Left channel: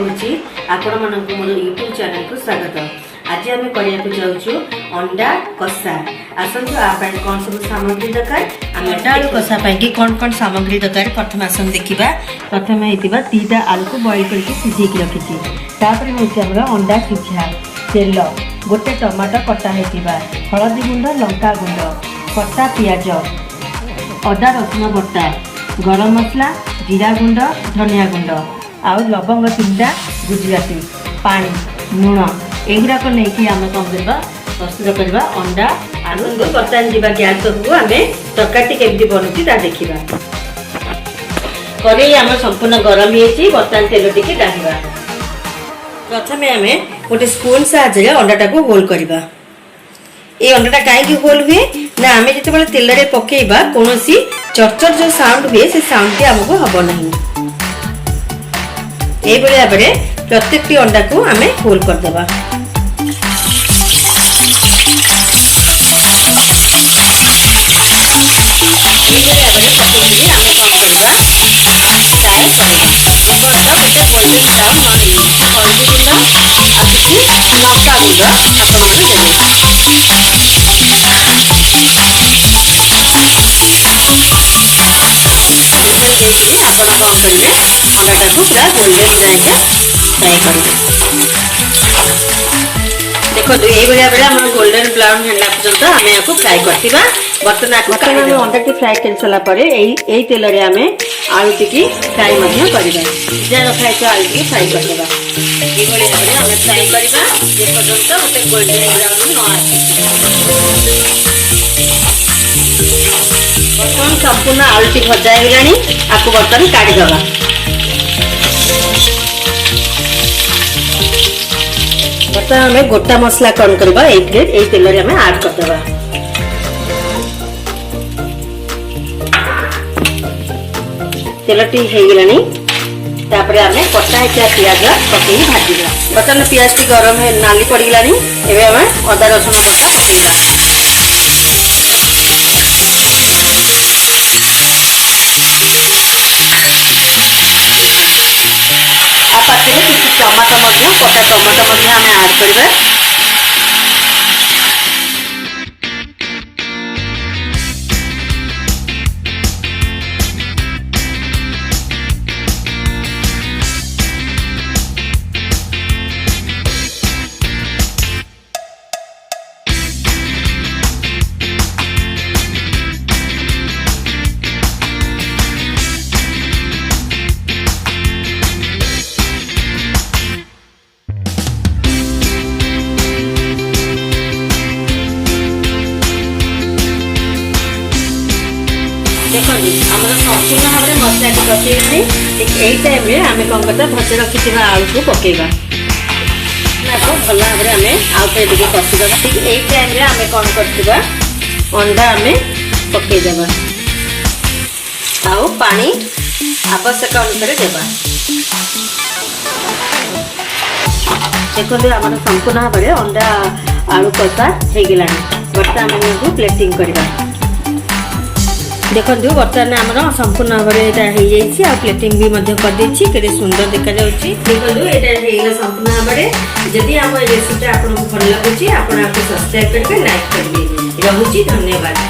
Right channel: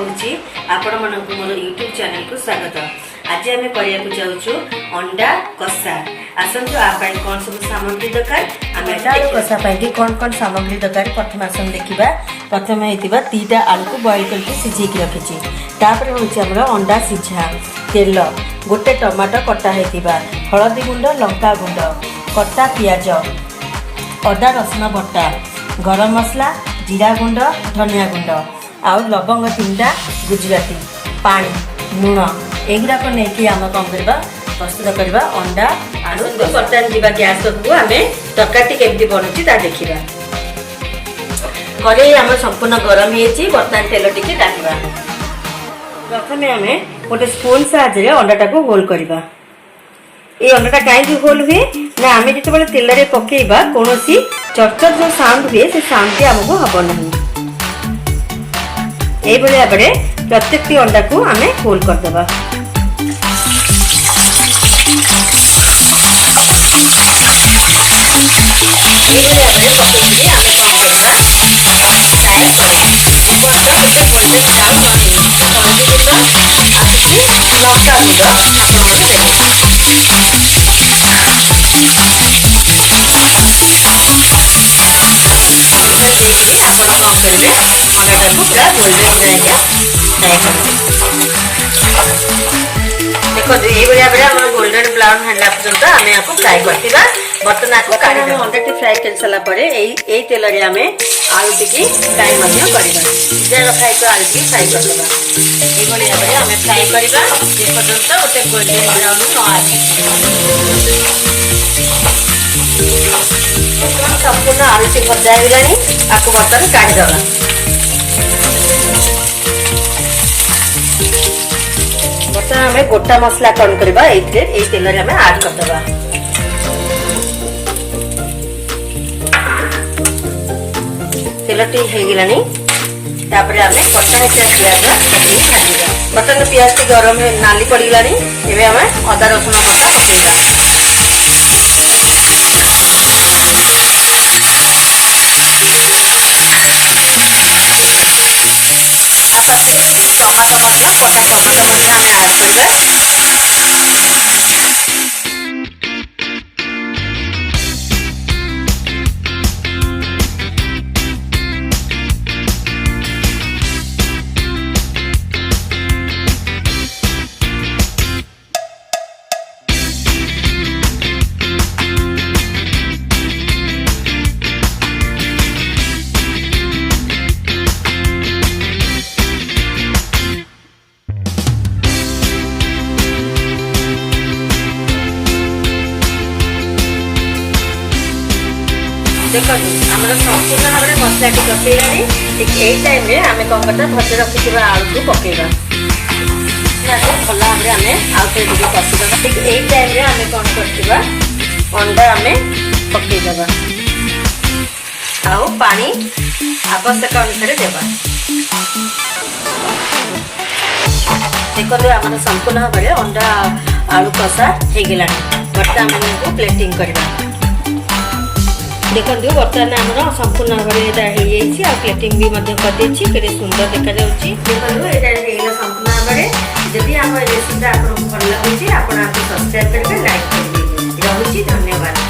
कहूँ आपण मानक मोर यूट्यूब चैनल को स्वागत। आज आम करने जाऊँ अंडा कषा। आसतु आप कौन सब सामग्री दरकार अंडा कषा कौन कौन सामग्री दरकार प्रथम आसन देखा। प्रथम होता 3टा आलू को बॉइल करके सिझेक रखी। तापर हूँ अंडा सिझा, तेल, गोटे टमाटो कटा होता, हलदी गुंड, लंका गुंड, कटा पियाज, अदा रसुण बटा, गरम मसला, जीरा गुंड, धनिया गुंड, आउ लवंग 3टा, गुजराती, पानी, लुण एगुड़ाक नहीं आम कौन करवा प्रस्तुत करवा अंडा आलू। बर्तमान जावा गैस को आम तरकारी केमती बनूची देखा। कड़े आम संपूर्ण गरम हो बर्तमान तेल टी डालवा। प्रथम आम गोटे स्पून साहाय्य अंडाटा को होल करवा। ये अंडाटा कहीं होल हुए ना आम जो तेल में पकेबा कौन चरचर जो साउंड हुए से साउंड आमको हम नहीं। यही भाव में प्रत्येक अंडा को आम होल करदे। देखो ये भाव में गोल्डन ब्राउन है पर्यटन आम आपको फ्राए करवा। बर्तमान आम अंडा टी फ्राए कर सारापर यही तेल में आम आलू टी फ्राए करवा। रखाई तो आलू टी फ्राए करदे। ये भाव में आम फ्राए करवा पर्यटन गोटे गोल्डन ब्राउन न आस। संपूर्ण आलू टी भजा होगा आपको बर्तमान काढ़ीदवा। बर्तमान हमें गोटा मसला कौन करवा ये तेल में आड करदे। तेल टी होगलानी तापर आम कटा होता पियाज पकई भाजा। बर्तमान पियाज टी गरम नाली पड़गलानी एवं आम अदा रसुण बटा पकईवा। टमाटो कटा टमाटो आम आड करवा। देखो आम संपूर्ण भाव में मसला टी पकईलानी यही टाइम में आम कौन करता भजा रखी आलू को पकईवा। भल भाव में आम आउ टे कषिदा। यही टाइम में आम कौन करवा अंडा आम पकईदे आउ पानी आवश्यक अनुसार देवा। देखो आम संपूर्ण भाव में अंडा आलू कषा होगलानी। बर्तमान को प्लेटिंग करवा। देखो बर्तमान आम संपूर्ण भाव में प्लेटिंग भी कर सुंदर देखा। देखो ये संपूर्ण भाव में जदि आम रेसिपी आपको भल लगे आप सब्सक्राइब करके लाइक करेंगे। रहुची धन्यवाद।